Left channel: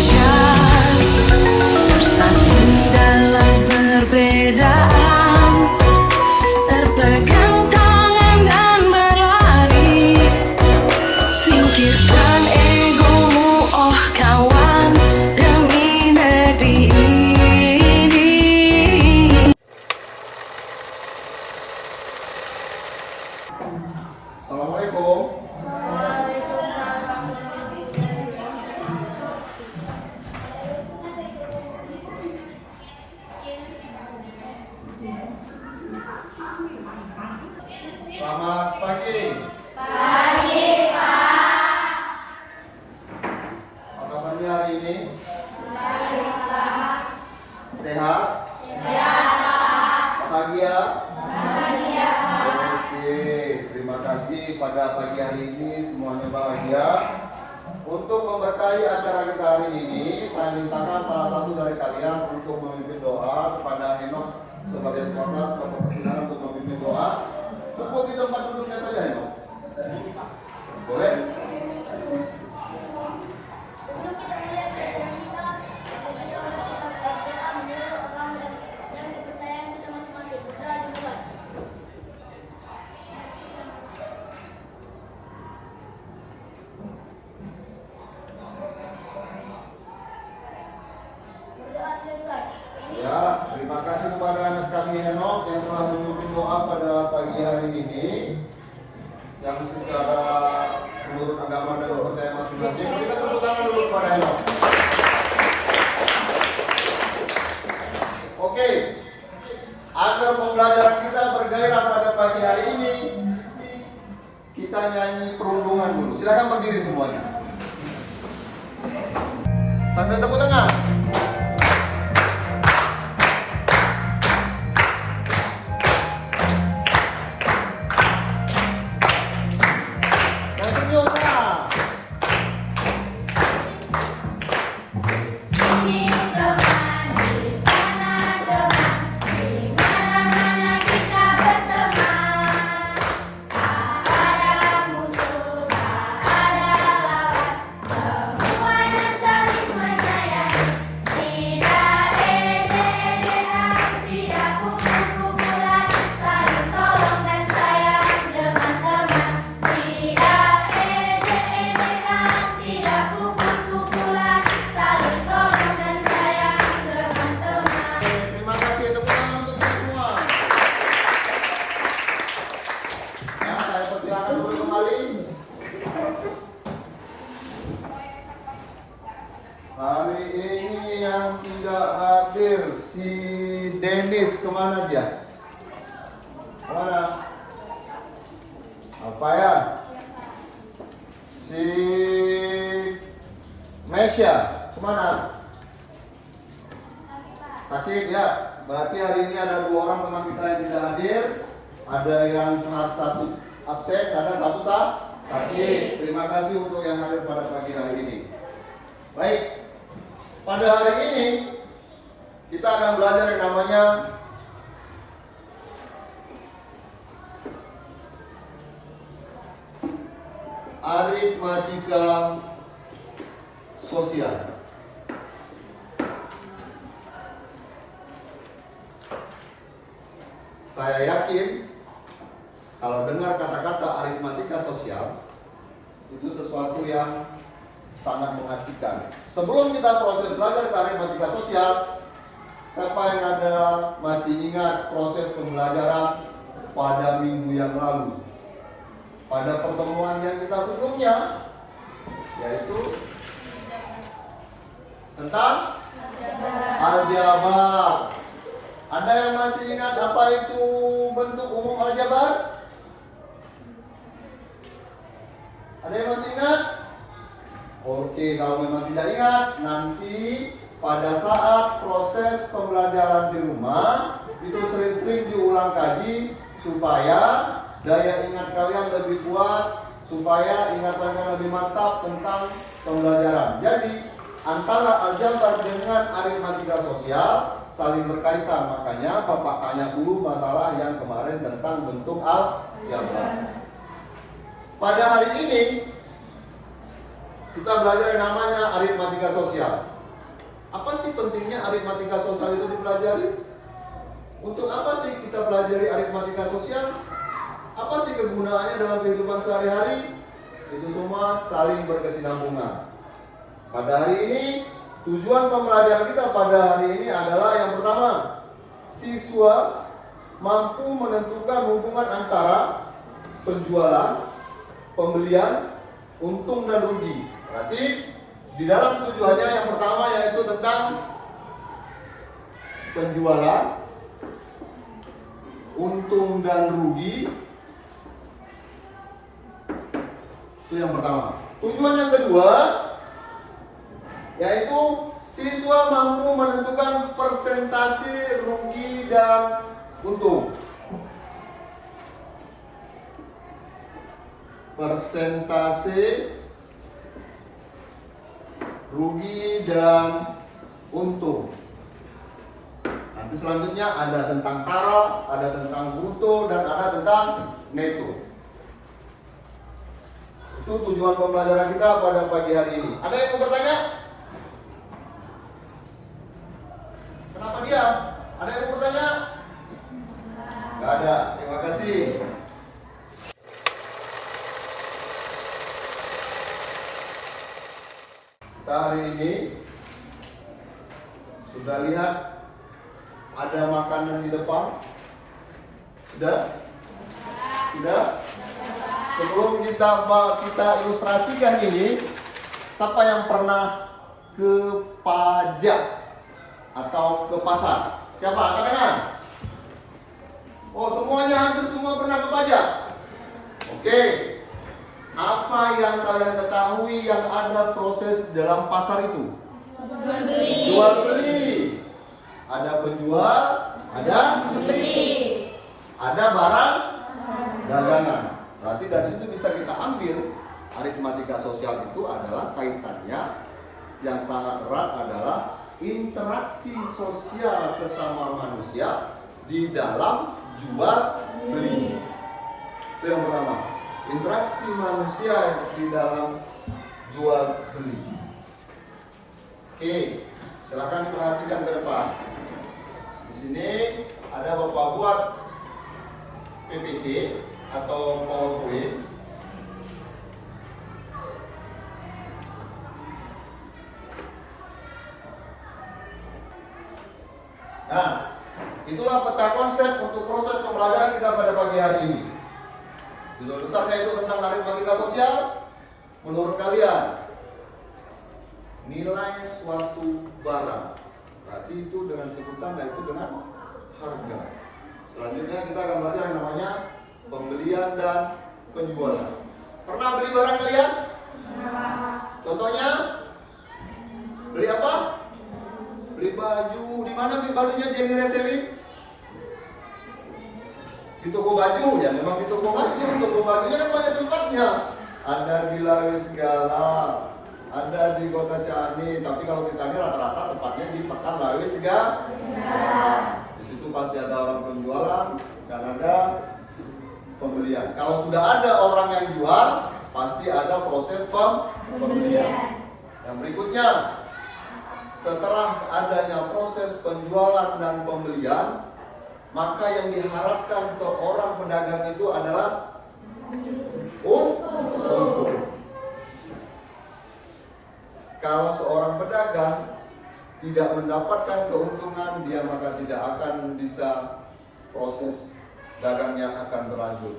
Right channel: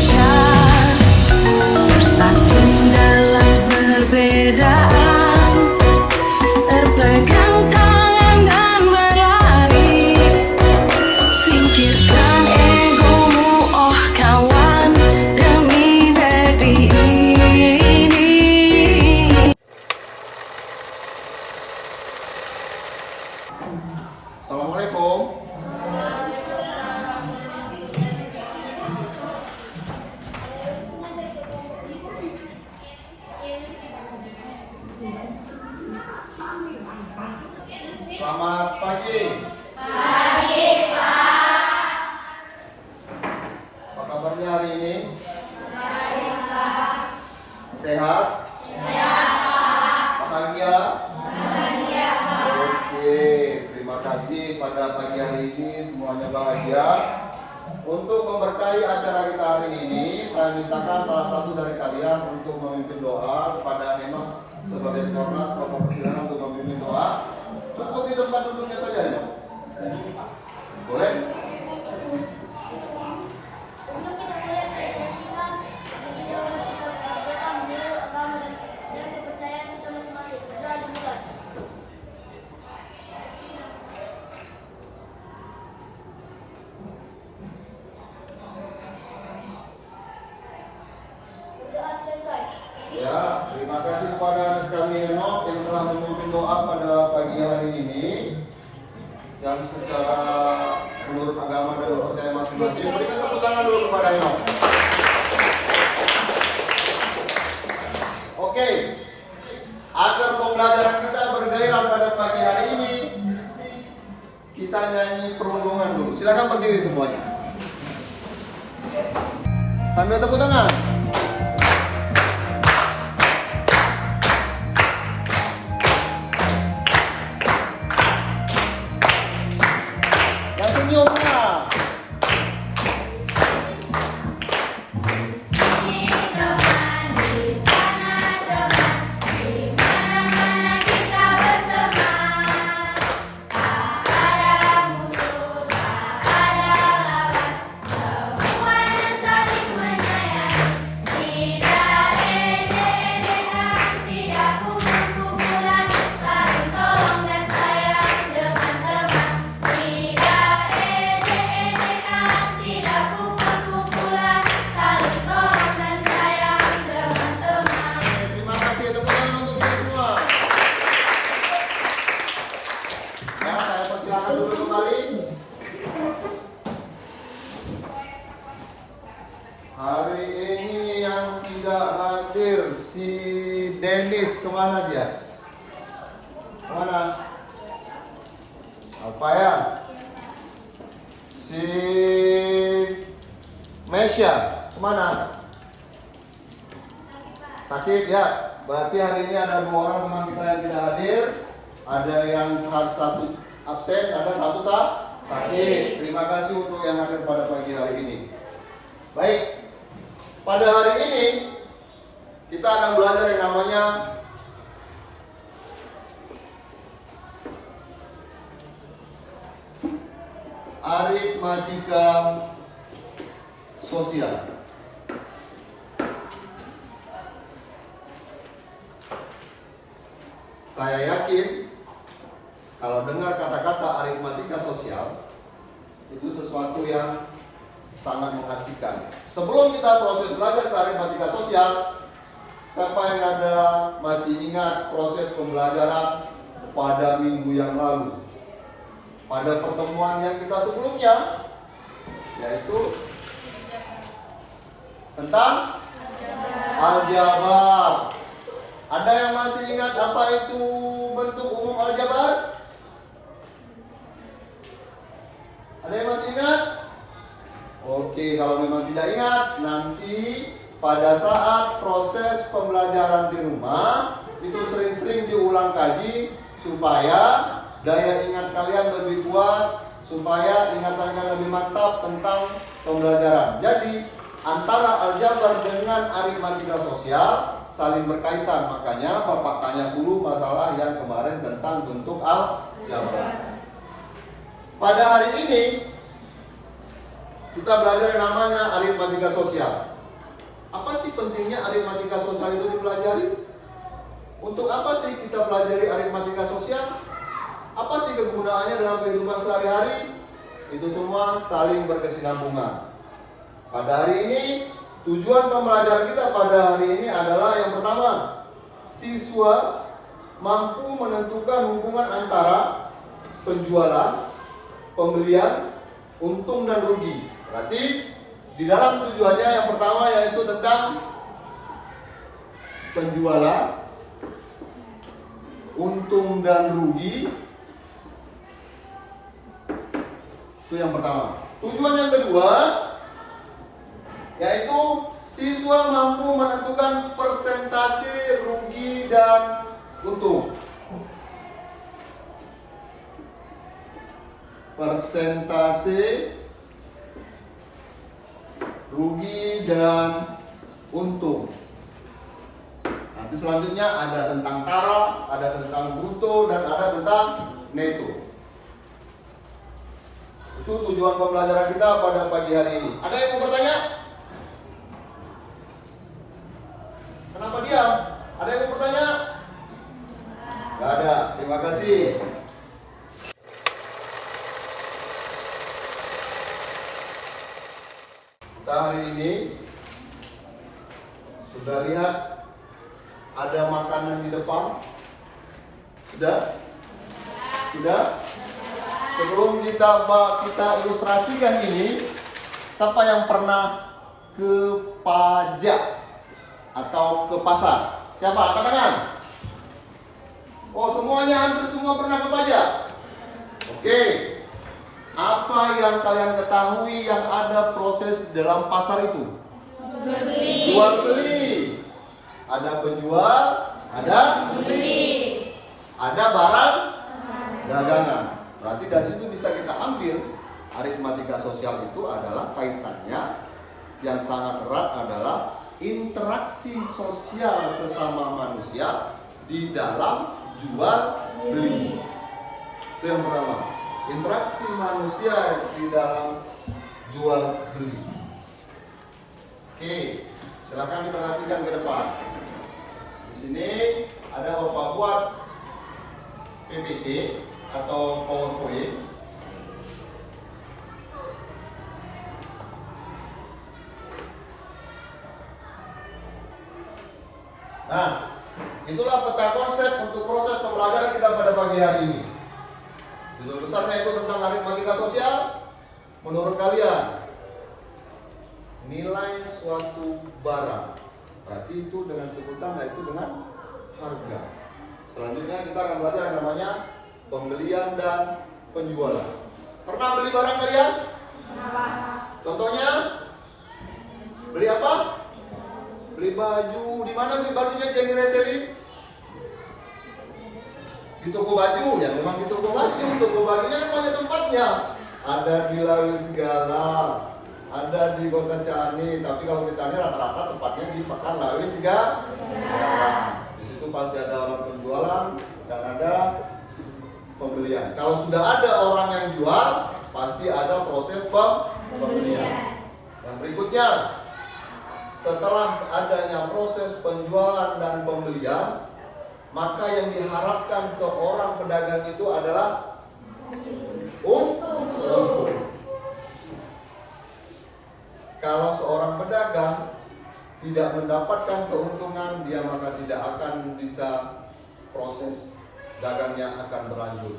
Indonesia, bersatu dalam perbedaan, berpegang tangan dan berlari. Singkirkan egomu, oh kawan, demi negeri ini. Assalamualaikum. Selamat pagi. Pagi, Pak. Apa kabarnya hari ini? Baik, Pak. Sehat? Sehat, Pak. Bahagia? Bahagia, Pak. Oke, terima kasih pada pagi hari ini semuanya bahagia. Untuk memberkahi acara kita hari ini, saya mintakan salah satu dari kalian untuk memimpin doa kepada Enoch sebagai Tuanas Bapak Persidangan untuk memimpin doa. Cukup di tempat duduknya saja, Enoch. Boleh? Sebelum kita mulai pelajaran kita, kita berdoa menurut agama dan kepercayaan kita masing-masing. Berdoa dimulai. Berdoa selesai. Ya, terima kasih kepada anak kami Enoch yang telah memimpin doa pada pagi hari ini, yang secara menurut agama dan kepercayaan masing-masing. Berikan tepuk tangan dulu kepada Enoch. Oke, agar pembelajaran kita bergairah pada pagi hari ini, kita nyanyi perundungan dulu. Silakan berdiri semuanya. Sambil tepuk tangan. Hari ini yang tidak hadir si Dennis, kemana dia? Kemana? Apa ya? Si Mesya, kemana? Sakit ya? Berarti hari ini ada 2 orang teman kita yang tidak hadir. Ada yang satu absen, ada satu sakit. Terima kasih untuk yang hadir pada pagi hari ini. Baik. Pada hari ini kita akan belajar yang namanya aritmatika sosial. Saya yakin kalau dengar kata-kata aritmatika sosial itu sesuatu yang sangat mengasihkan. Sebelum kita proses belajar aritmatika sosial, siapa yang ada masih ingat proses pembelajaran pada minggu yang lalu? Pada pertemuan yang kita sebelumnya, yaitu tentang aljabar. Ada yang masih ingat apa itu bentuk umum aljabar? Ada yang masih ingat? Oke, kalau memang tidak ingat, nanti pada saat proses pembelajaran di rumah itu sering-sering diulang kaji supaya daya ingat kalian lebih kuat, supaya ingatan kalian lebih mantap tentang pembelajaran. Jadi antara aljabar dengan aritmatika sosial saling berkaitan, makanya Bapak tanya dulu masalah yang kemarin tentang bentuk aljabar. Pada hari ini kita belajar yang namanya aritmatika sosial. Apa sih pentingnya aritmatika sosial itu dipelajari? Untuk apa sih kita pelajari aritmatika sosial? Apa sih kegunaannya dalam kehidupan sehari-hari? Itu semua saling berkesinambungan. Pada hari ini, tujuan pembelajaran kita pada hari ini adalah yang pertama, siswa mampu menentukan hubungan antara penjualan, pembelian, untung dan rugi. Berarti di dalam tujuannya yang pertama yaitu tentang penjualan, untung dan rugi. Itu yang pertama. Tujuan yang kedua yaitu siswa mampu menentukan persentase rugi dan untung. Persentase rugi dan untung. Nanti selanjutnya ada tentang taruh, ada tentang bruto, dan ada tentang neto. Itu tujuan pembelajaran kita pada pagi hari ini. Ada yang mau bertanya? Kenapa diam? Ada yang mau bertanya? Nggak ada. Terima kasih. Kita hari ini sudah lihat ada makanan di depan. Sudah? Sudah? Sebelum kita ilustrasikan ini, siapa yang pernah ke pajak atau ke pasar? Siapa? Angkat tangan. Oh, semuanya, hampir semua pernah ke pajak. Oke. Apa yang kalian ketahui yang ada proses dalam pasar itu? Jual beli. Ada penjual, ada pembeli. Ada barang dagangan. Berarti dari situ bisa kita ambil aritmatika sosial itu adalah kaitannya yang sangat erat adalah interaksi sosial sesama manusia di dalam jual beli. Itu yang pertama. Interaksi manusia di dalam jual beli. Oke, silakan diperhatikan ke depan. Di sini ada Bapak buat PPT atau PowerPoint. Nah, itulah peta konsep untuk proses pembelajaran kita pada pagi hari ini. Judul besarnya itu tentang aritmatika sosial. Menurut kalian, nilai suatu barang, berarti itu dengan sebutan yaitu dengan harga. Selanjutnya kita akan belajar yang namanya pembelian dan penjualan. Pernah beli barang kalian? Contohnya, beli apa? Beli baju. Di mana beli bajunya jadi reselling? Di toko baju ya, memang di toko baju. Toko bajunya kan banyak tempatnya. Ada di Lawis Galang, ada di Kota Ciani. Tapi kalau kita ini rata-rata tempatnya di Pekan Lawis Galang. Di situ pasti ada orang penjualan dan ada pembelian. Kalau sudah ada orang yang jual, pasti ada proses pembelian. Yang berikutnya, setelah adanya proses penjualan dan pembelian, maka yang diharapkan seorang pedagang itu adalah untung. Kalau seorang pedagang tidak mendapatkan keuntungan, dia maka tidak akan bisa proses dagangnya akan berlanjut.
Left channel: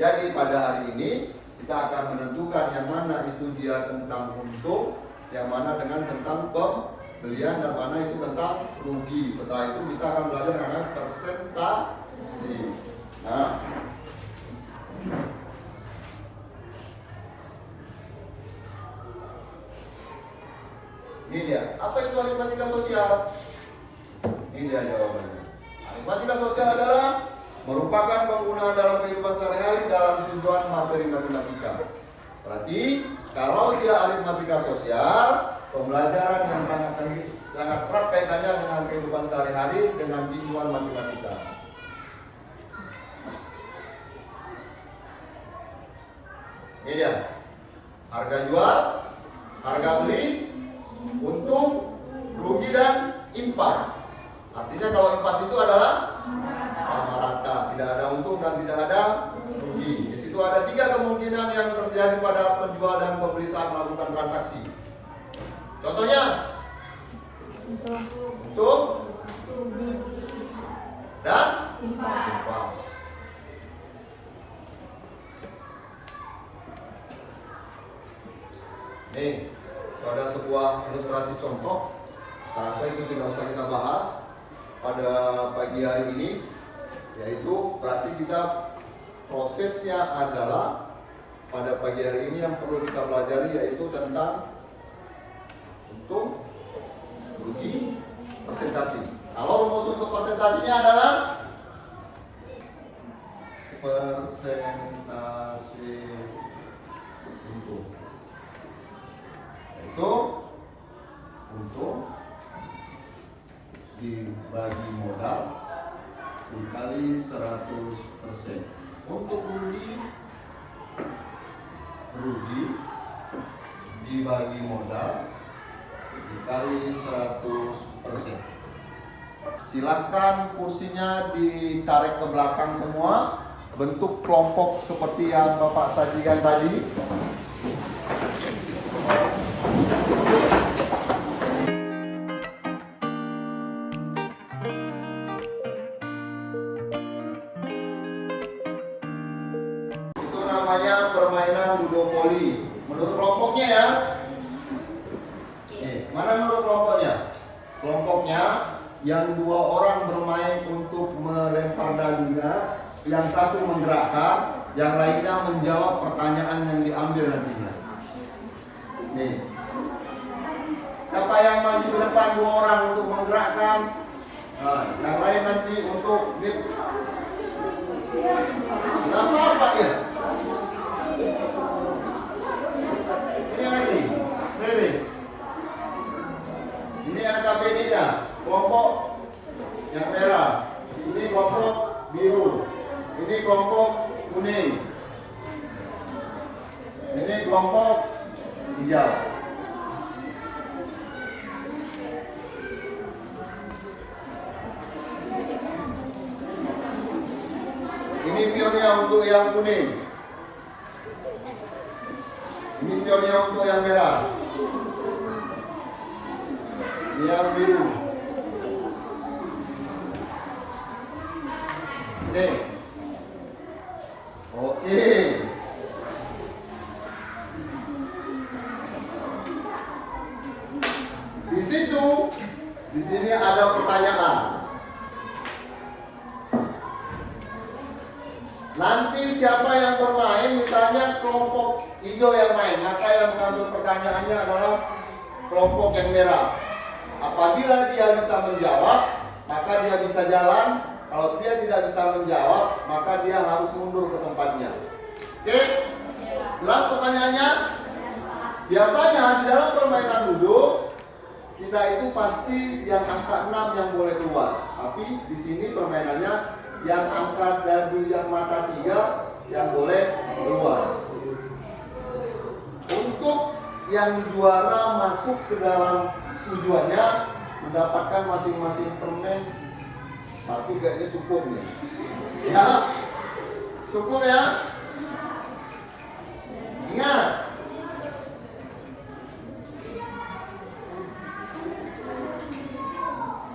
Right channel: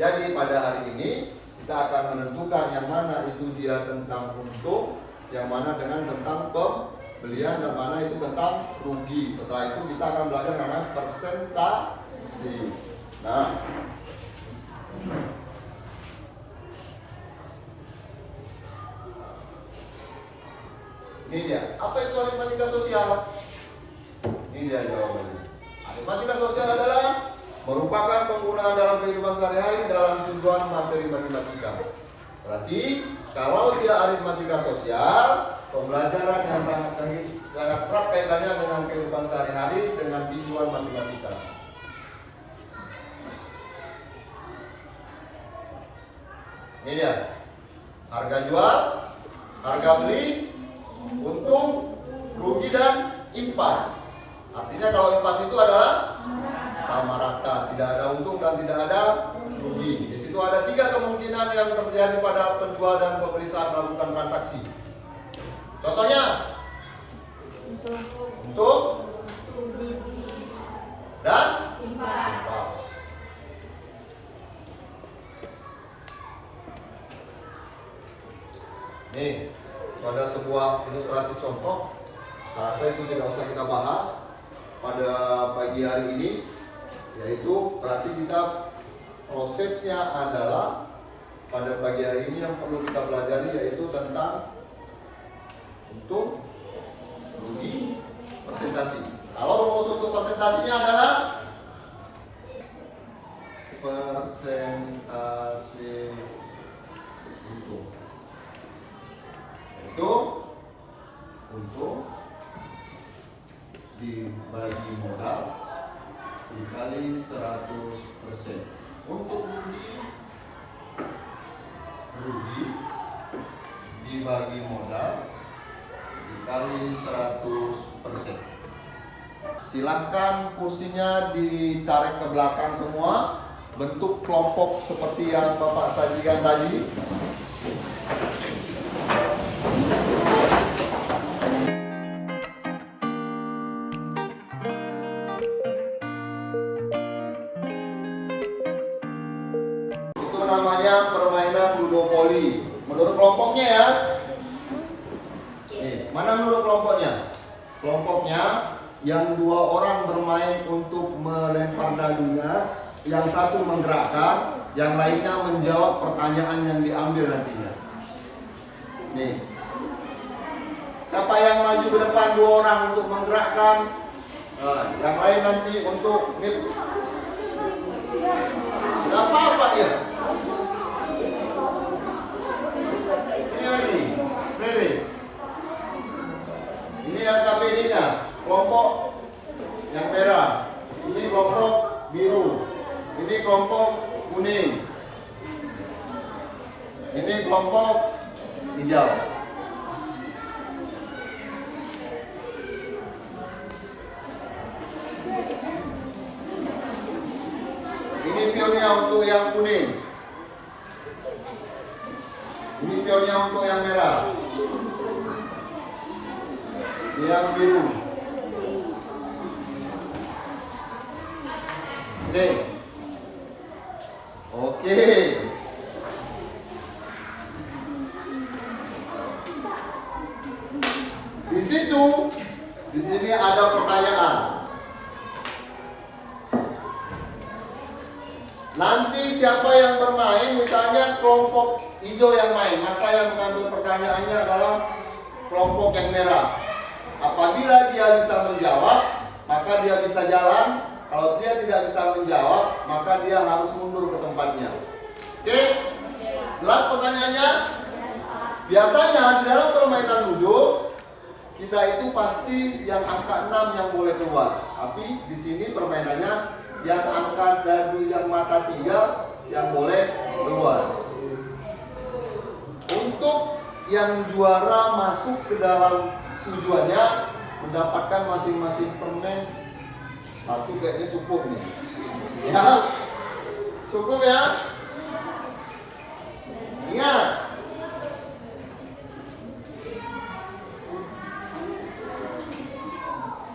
Jadi pada hari ini kita akan menentukan yang mana itu dia tentang untung, yang mana dengan tentang pembelian, dan mana itu tentang rugi. Setelah itu kita akan belajar namanya persentase. Nah, ini dia. Apa itu aritmatika sosial? Ini dia jawabannya. Aritmatika sosial adalah merupakan penggunaan dalam kehidupan sehari-hari dalam tujuan materi matematika. Berarti kalau dia aritmatika sosial, pembelajaran yang sangat erat kaitannya dengan kehidupan sehari-hari dengan tujuan matematika. Ini dia. Harga jual, harga beli, untung, rugi dan impas. Artinya kalau impas itu adalah sama rata, tidak ada untung dan tidak ada rugi. Di situ ada 3 kemungkinan yang terjadi pada penjual dan pembeli saat melakukan transaksi. Contohnya, untung dan impas. Nih, itu ada sebuah ilustrasi contoh. Saya rasa itu tidak usah kita bahas pada pagi hari ini, yaitu berarti kita prosesnya adalah pada pagi hari ini yang perlu kita pelajari yaitu tentang untung, rugi, persentase. Kalau rumus untuk persentasinya adalah persentase untung. Itu untung dibagi modal dikali 100%. Untuk rugi dibagi modal dikali 100%. Silahkan kursinya ditarik ke belakang semua, bentuk kelompok seperti yang Bapak sajikan tadi. Namanya permainan ludopoli. Menurut kelompoknya ya. Nih, mana menurut kelompoknya? Kelompoknya yang 2 orang bermain untuk melempar dadunya, yang satu menggerakkan, yang lainnya menjawab pertanyaan yang diambil nantinya. Nih, siapa yang maju ke depan 2 orang untuk menggerakkan, nah, yang lain nanti untuk nggak apa-apa ya. Ini lagi, Freris. Ini LKPD-nya, kelompok yang merah. Ini kelompok biru. Ini kelompok kuning. Ini kelompok hijau. Ini pionnya untuk yang kuning. Ini pionnya untuk yang merah. Ini yang biru. Oke. Di sini ada pertanyaan. Nanti siapa yang bermain, misalnya kelompok hijau yang main, maka yang mengambil pertanyaannya adalah kelompok yang merah. Apabila dia bisa menjawab, maka dia bisa jalan. Kalau dia tidak bisa menjawab, maka dia harus mundur ke tempatnya. Oke? Jelas pertanyaannya? Biasanya di dalam permainan ludo, kita itu pasti yang angka 6 yang boleh keluar. Tapi di sini permainannya yang angka dadu yang mata 3 yang boleh keluar. Untuk yang juara masuk ke dalam tujuannya mendapatkan masing-masing permen 1 kayaknya cukup nih. Ya, cukup ya. Ingat,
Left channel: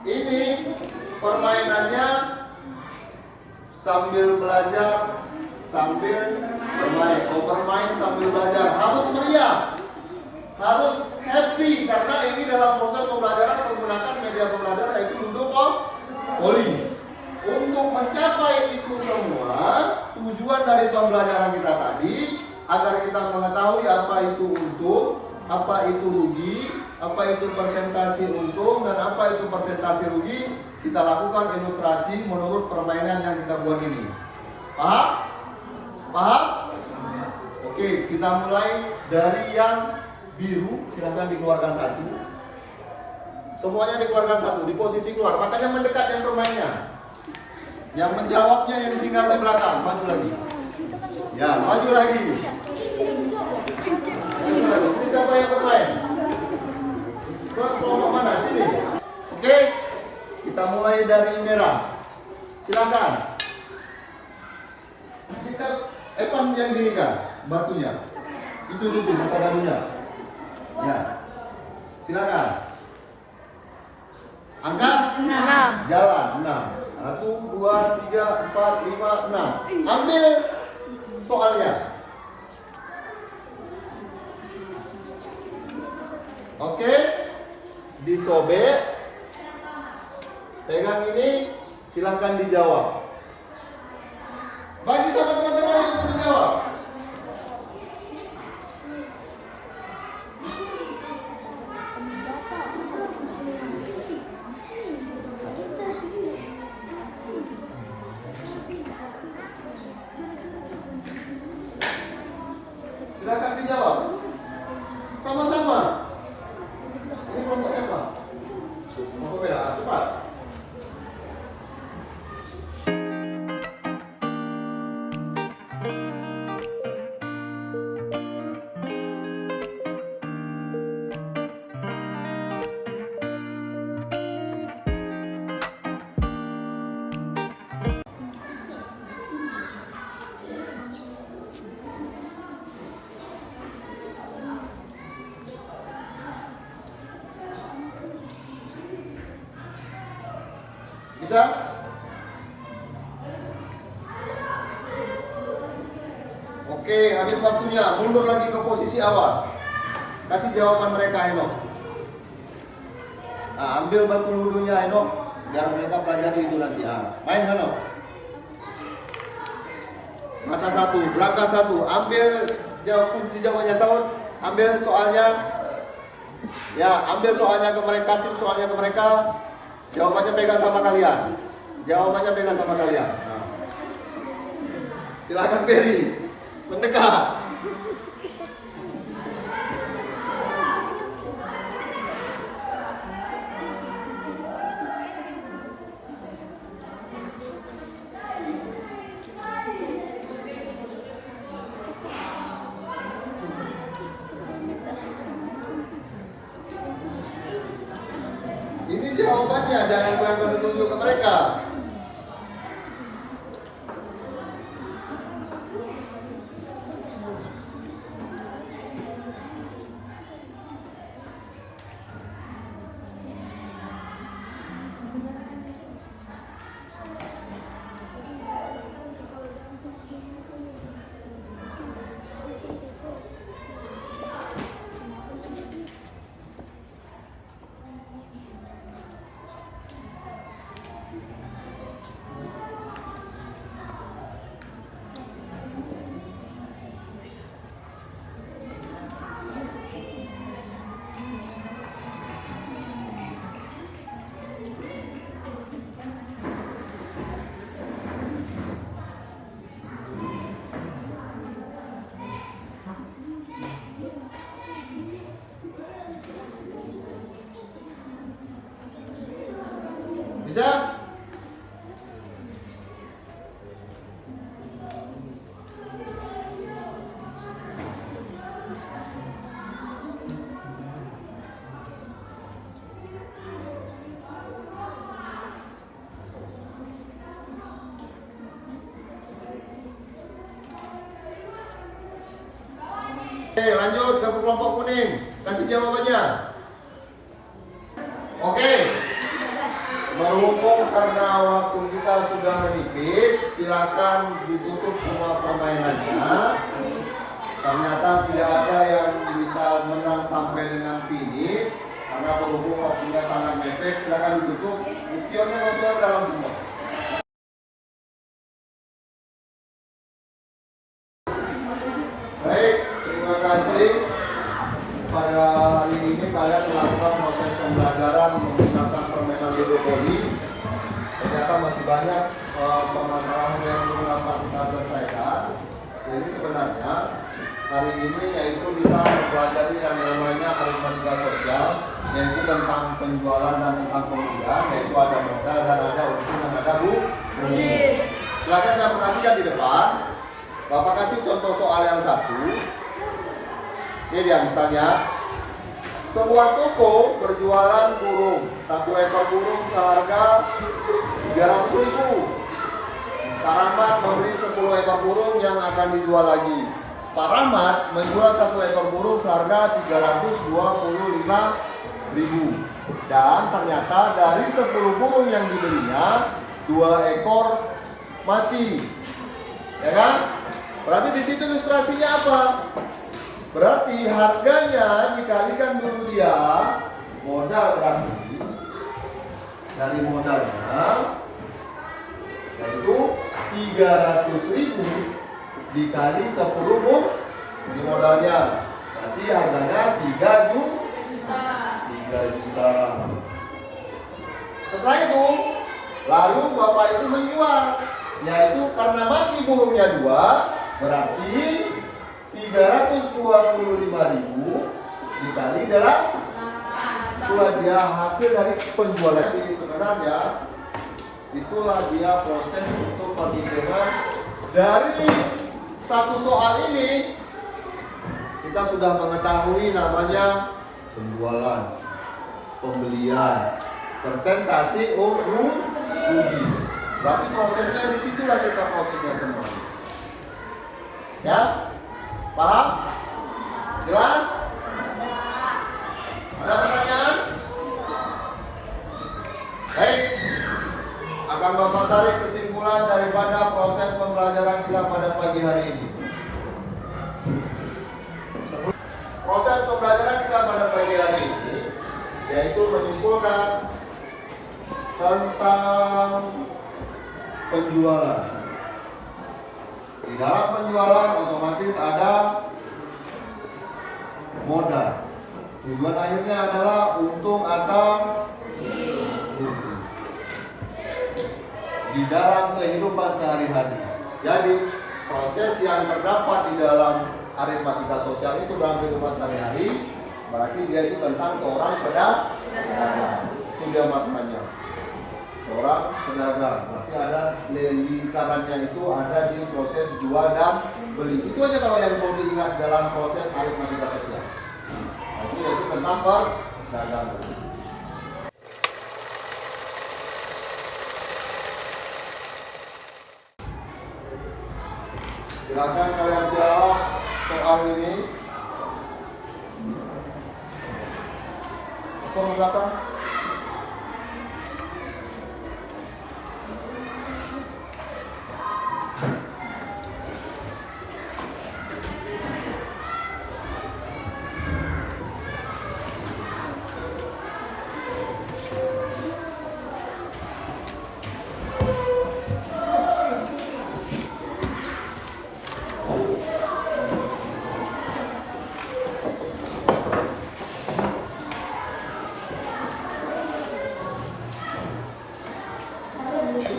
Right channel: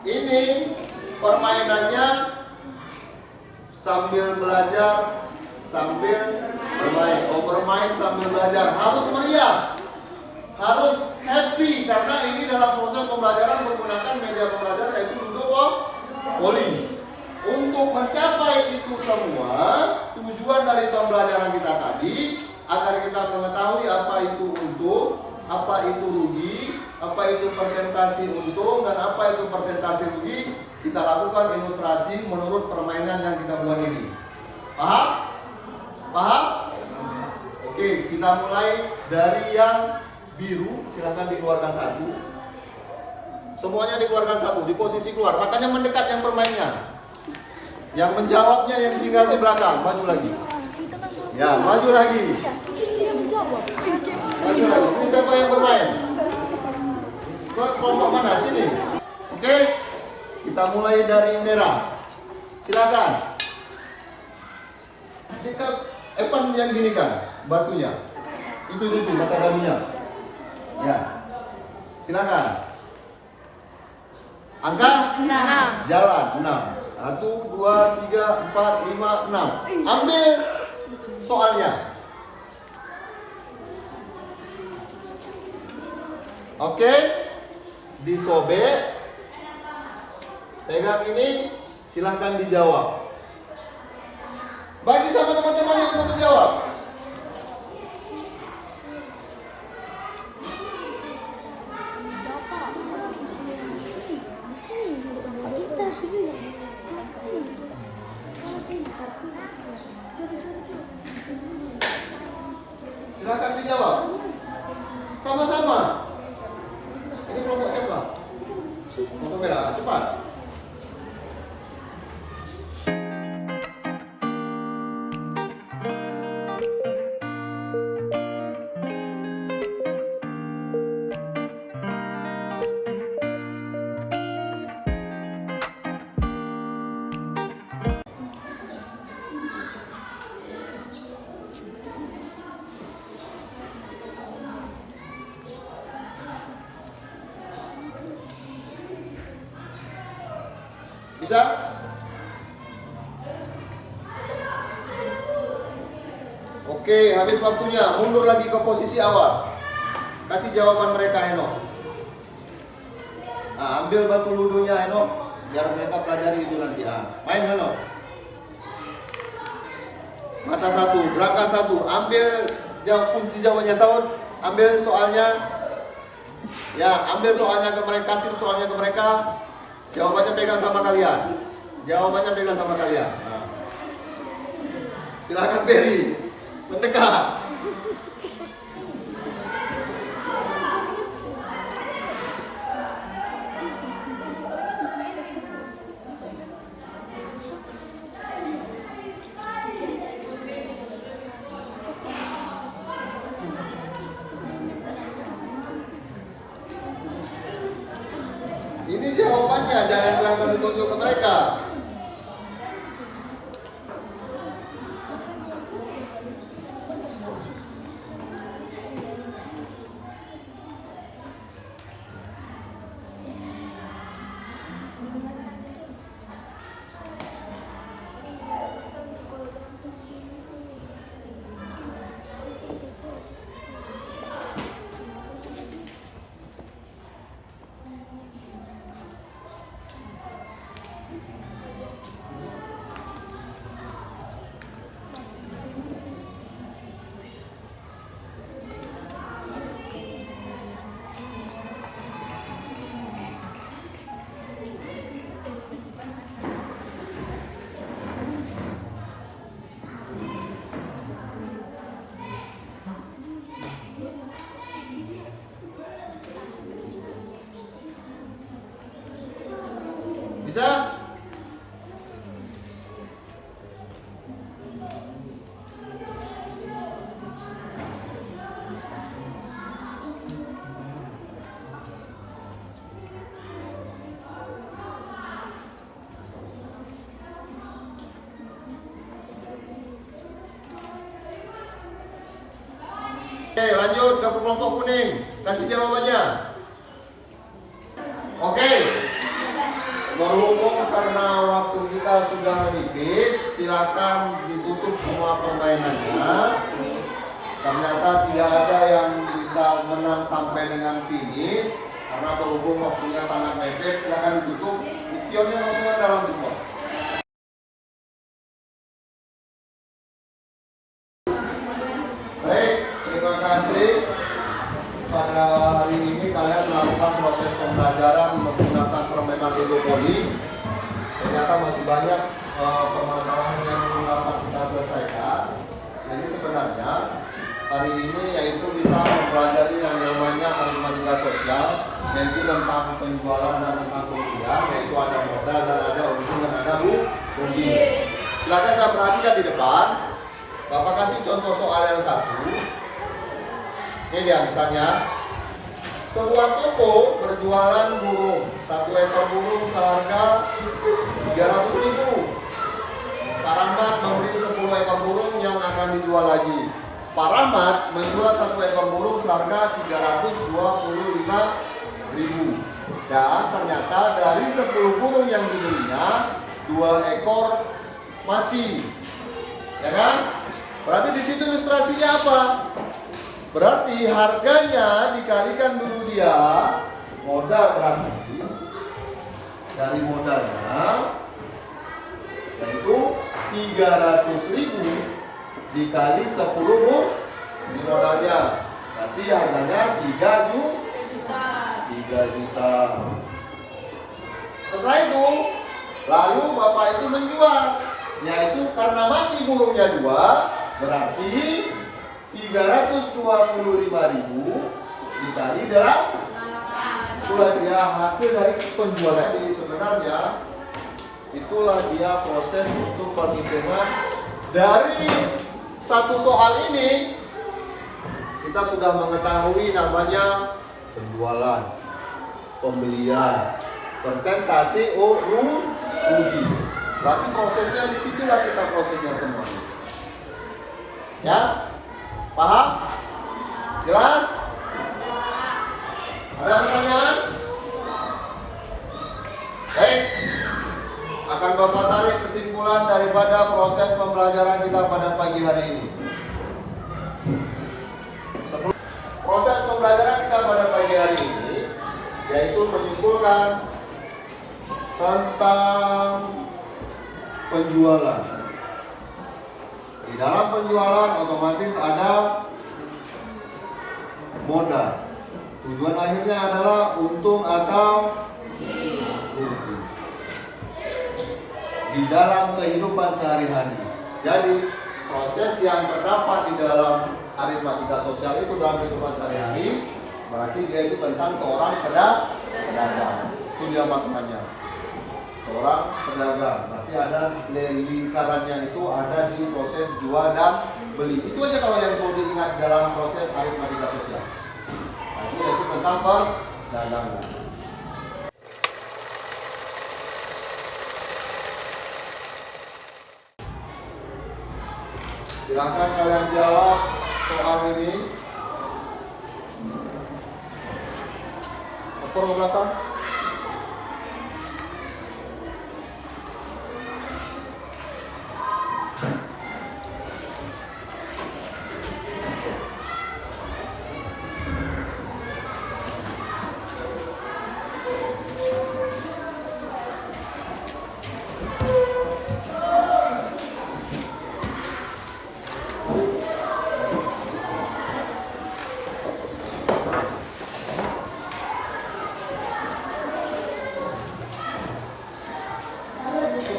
ini permainannya sambil belajar, sambil bermain. Oh, bermain sambil belajar. Harus meriah, harus happy, karena ini dalam proses pembelajaran menggunakan media pembelajaran yaitu ludopoli. Untuk mencapai itu semua, tujuan dari pembelajaran kita tadi agar kita mengetahui apa itu untung, apa itu rugi, apa itu persentase untung, dan apa itu persentase rugi. Kita lakukan ilustrasi menurut permainan yang kita buat ini. Paham? Paham? Oke, kita mulai dari yang biru. Silahkan dikeluarkan 1. Semuanya dikeluarkan 1 di posisi keluar. Makanya mendekat yang bermainnya. Yang menjawabnya yang tinggal di belakang. Maju lagi. Ya, maju lagi. Maju lagi. Ini siapa yang bermain? Kelompok mana? Sini. mulai dari merah. Silakan. Kita Evan yang gini kan, batunya. Itu mata gadunya. Ya. Silakan. Angka? 6. Jalan 6. 1, 2, 3, 4, 5, 6. Ambil soalnya. Oke. Disobek. Pegang ini, silahkan dijawab. Bagi sama teman-teman yang bisa menjawab. Silakan dijawab. Sama-sama. Ini kelompok siapa? Kelompok merah. Cepat. Bisa? Oke, habis waktunya. Mundur lagi ke posisi awal. Kasih jawaban mereka, Henok. Nah, ambil batu ludunya, Henok. Biar mereka pelajari itu nanti. Main, Henok. Mata 1, berangkat 1. Ambil kunci jawabannya, Saud. Ambil soalnya. Ya, ambil soalnya ke mereka. Kasih soalnya ke mereka. Jawabannya pegang sama kalian. Jawabannya pegang sama kalian. Nah. Silakan Berry. Mendekat. Ini jawabannya, jangan langsung tunjuk ke mereka. Bisa? Oke, lanjut ke kelompok kuning. Kasih jawabannya. Oke. Berhubung karena waktu kita sudah menipis, silakan ditutup semua permainannya. Ternyata tidak ada yang bisa menang sampai dengan finish karena berhubung waktunya sangat mepet. Silakan ditutup. Ikionnya masuk ke dalam semua. Baik, terima kasih. Pada hari ini kalian melakukan proses pembelajaran menggunakan permainan Ludopoli. Ternyata masih banyak permasalahan yang belum dapat kita selesaikan. Jadi sebenarnya hari ini yaitu kita mempelajari yang namanya aritmatika sosial, yaitu tentang penjualan dan tentang pembelian, yaitu ada modal dan ada untung dan ada rugi. Silakan saya perhatikan di depan. Bapak kasih contoh soal yang satu. Ini dia misalnya Sebuah toko berjualan burung. 1 ekor burung seharga 300.000. Pak Rahmat membeli 10 ekor burung yang akan dijual lagi. Pak Rahmat menjual 1 ekor burung seharga 325.000. Dan ternyata dari 10 burung yang dibelinya, 2 ekor mati. Ya kan? Berarti di situ ilustrasinya apa? Berarti harganya dikalikan dulu dia modal, berarti dari modalnya yaitu 300.000 dikali 10 burung di modalnya, berarti harganya 3 juta. Setelah itu lalu bapak itu menjual, yaitu karena mati burungnya 2, berarti 325.000 dikali 8. Itulah dia hasil dari penjualan. Jadi sebenarnya itulah dia proses untuk perhitungan dari satu soal ini. Kita sudah mengetahui namanya penjualan, pembelian, persentase rugi. Berarti prosesnya disitulah kita prosesnya semua. Ya, paham? Jelas? Ada pertanyaan? Baik, akan Bapak tarik kesimpulan daripada proses pembelajaran kita pada pagi hari ini. Proses pembelajaran kita pada pagi hari ini yaitu menyimpulkan tentang penjualan. Di dalam penjualan otomatis ada modal. Tujuan akhirnya adalah untung atau rugi di dalam kehidupan sehari-hari. Jadi proses yang terdapat di dalam aritmatika sosial itu dalam kehidupan sehari-hari, berarti dia itu tentang seorang pedagang. Itu dia maknanya. Seorang pedagang. Berarti ada lingkarannya itu ada di proses jual dan beli. Itu aja kalau yang mau diingat dalam proses aritmatika sosial. Berarti itu tentang perdagangan. Silakan kalian jawab soal ini. Dokter ke belakang.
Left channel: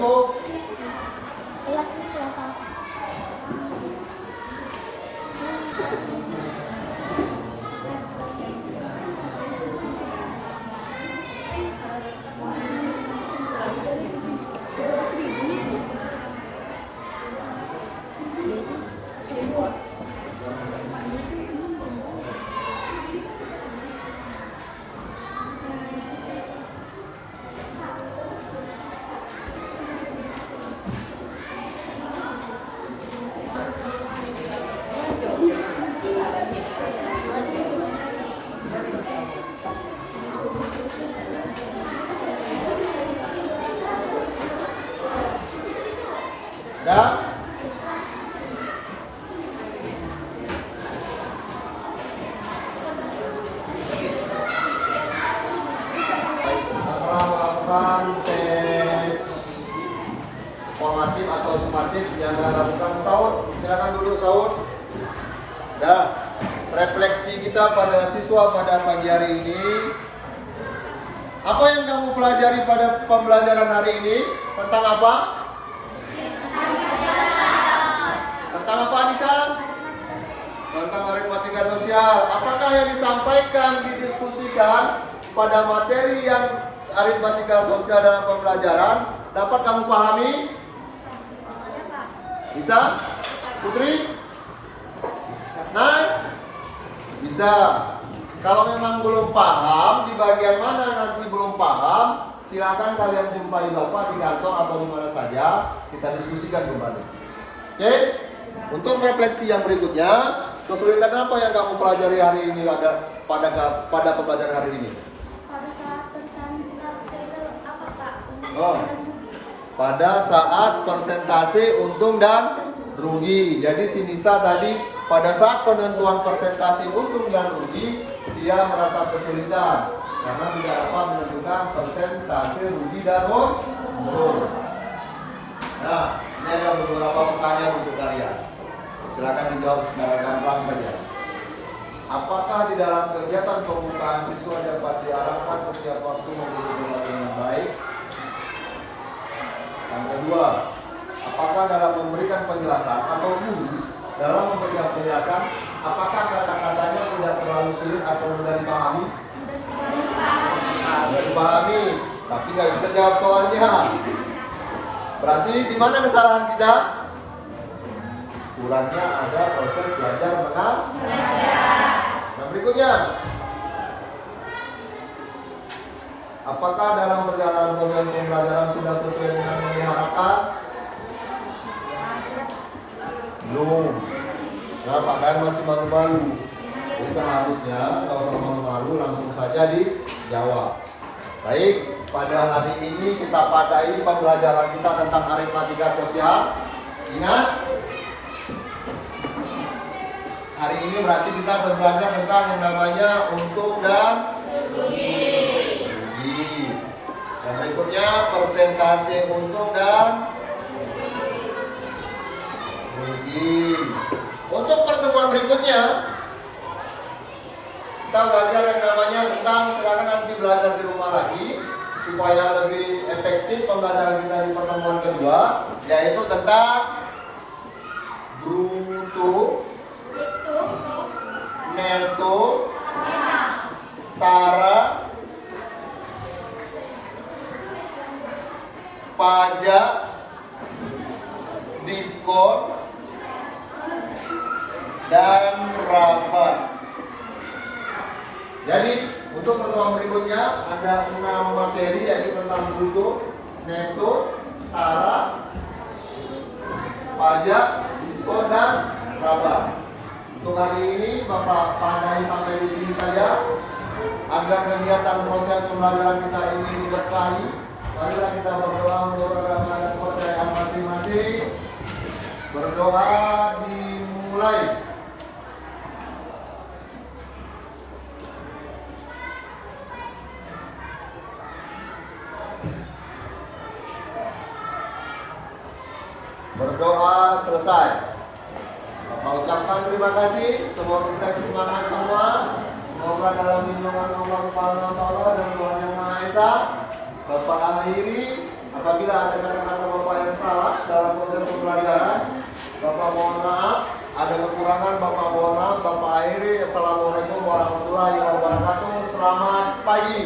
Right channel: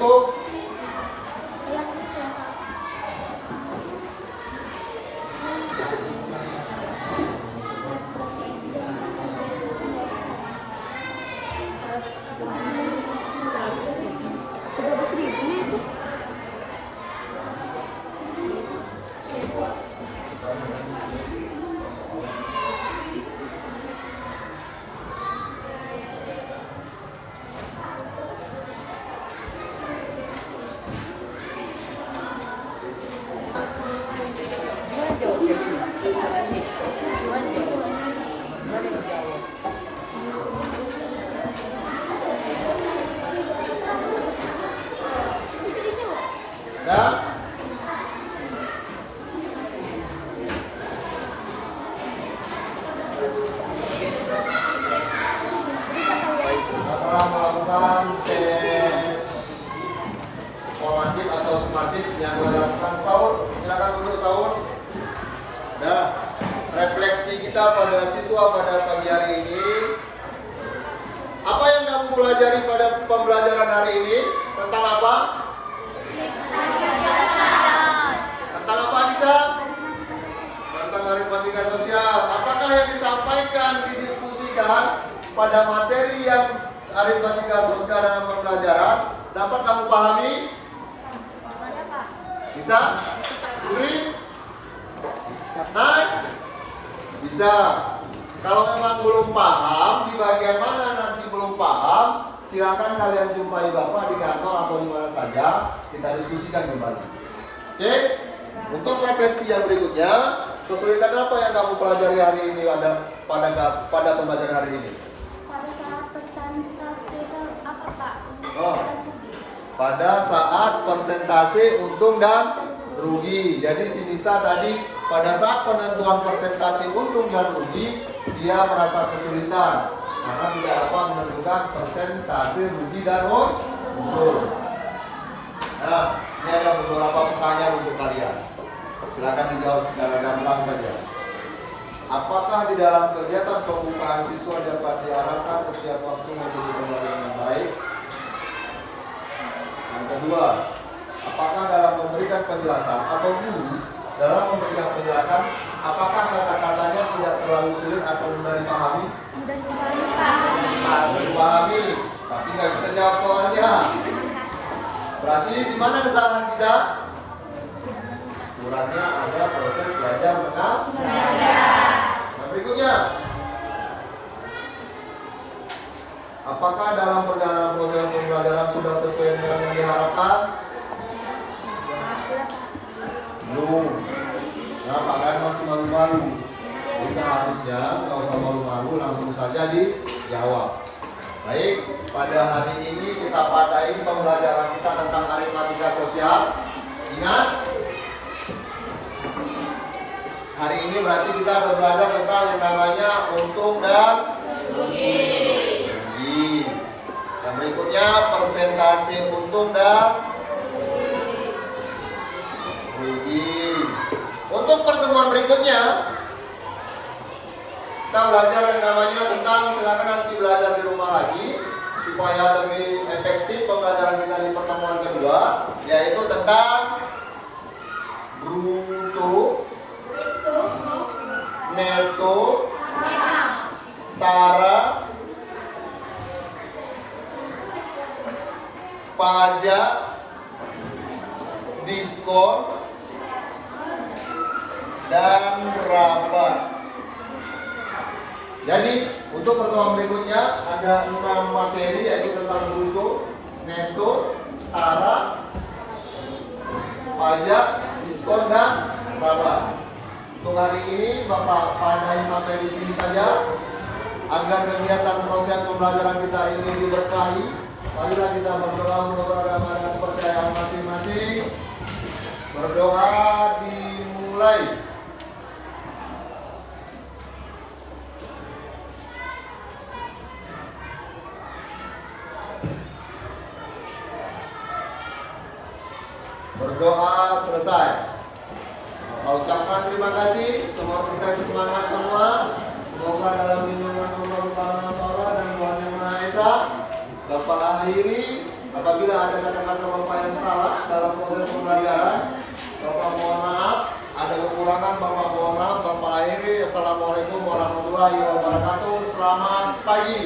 Cukup. Ya. Kita telah melakukan tes formatif atau sumatif yang dilakukan Saud. Silakan dulu Saud. Dah. Refleksi kita pada siswa pada pagi hari ini. Apa yang kamu pelajari pada pembelajaran hari ini? Tentang apa? Tentang apa Bisa? Tentang aritmatika sosial. Apakah yang disampaikan, didiskusikan pada materi yang aritmatika sosial dalam pembelajaran dapat kamu pahami? Bisa? Putri? Nah? Bisa. Kalau memang belum paham, di bagian mana nanti belum paham, silakan kalian jumpai Bapak di kantor atau di mana saja, kita diskusikan kembali. Oke? Untuk refleksi yang berikutnya, kesulitan apa yang kamu pelajari hari ini pada pembelajaran hari ini? Pada saat persentase apa Pak? Oh. Pada saat persentase untung dan rugi. Jadi si Nisa tadi pada saat penentuan persentase untung dan rugi, dia merasa kesulitan karena tidak dapat menentukan persentase rugi dan untung. Nah, ini ada beberapa pertanyaan untuk kalian. Silakan dijawab secara gampang saja. Apakah di dalam kegiatan pembukaan siswa dapat diarahkan setiap waktu menjadi berlaku dengan baik? Yang kedua, apakah dalam memberikan penjelasan atau guru dalam memberikan penjelasan, apakah kata-katanya tidak terlalu sulit atau mudah dipahami? Mudah dipahami, tapi nggak bisa jawab soalnya. Berarti di mana kesalahan kita? Kurangnya ada proses belajar mengajar. Yang berikutnya, apakah dalam perjalanan proses pembelajaran sudah sesuai dengan yang diharapkan? Belum. Kenapa? Karena masih malu-malu. Jadi seharusnya nggak usah malu-malu, langsung saja dijawab. Baik, pada hari ini kita padahi pembelajaran kita tentang aritmatika sosial. Ingat, hari ini berarti kita akan belajar tentang yang namanya untung dan rugi. Yang berikutnya persentase untung dan rugi. Untuk pertemuan berikutnya kita belajar yang namanya tentang, silakan nanti belajar di rumah lagi supaya lebih efektif pembelajaran kita di pertemuan kedua, yaitu tentang bruto, neto, tara, pajak, diskon, dan rabat. Jadi untuk pertemuan berikutnya ada 6 materi, yaitu tentang bruto, neto, tara, pajak, diskon, dan rabat. Untuk hari ini Bapak pandai sampai di sini saja agar kegiatan proses pembelajaran kita ini diberkahi. Marilah kita berdoa menurut agama dan kepercayaan masing-masing. Berdoa dimulai. Berdoa selesai. Bapak ucapkan terima kasih. Semoga kita bersemangat semua. Semoga dalam lindungan Allah Subhanahu wa Ta'ala dan Tuhan Yang Maha Esa. Bapak akhiri, apabila ada kata-kata Bapak yang salah dalam proses pembelajaran, Bapak mohon maaf. Ada kekurangan, Bapak mohon maaf. Bapak akhiri. Assalamualaikum warahmatullahi wabarakatuh. Selamat pagi.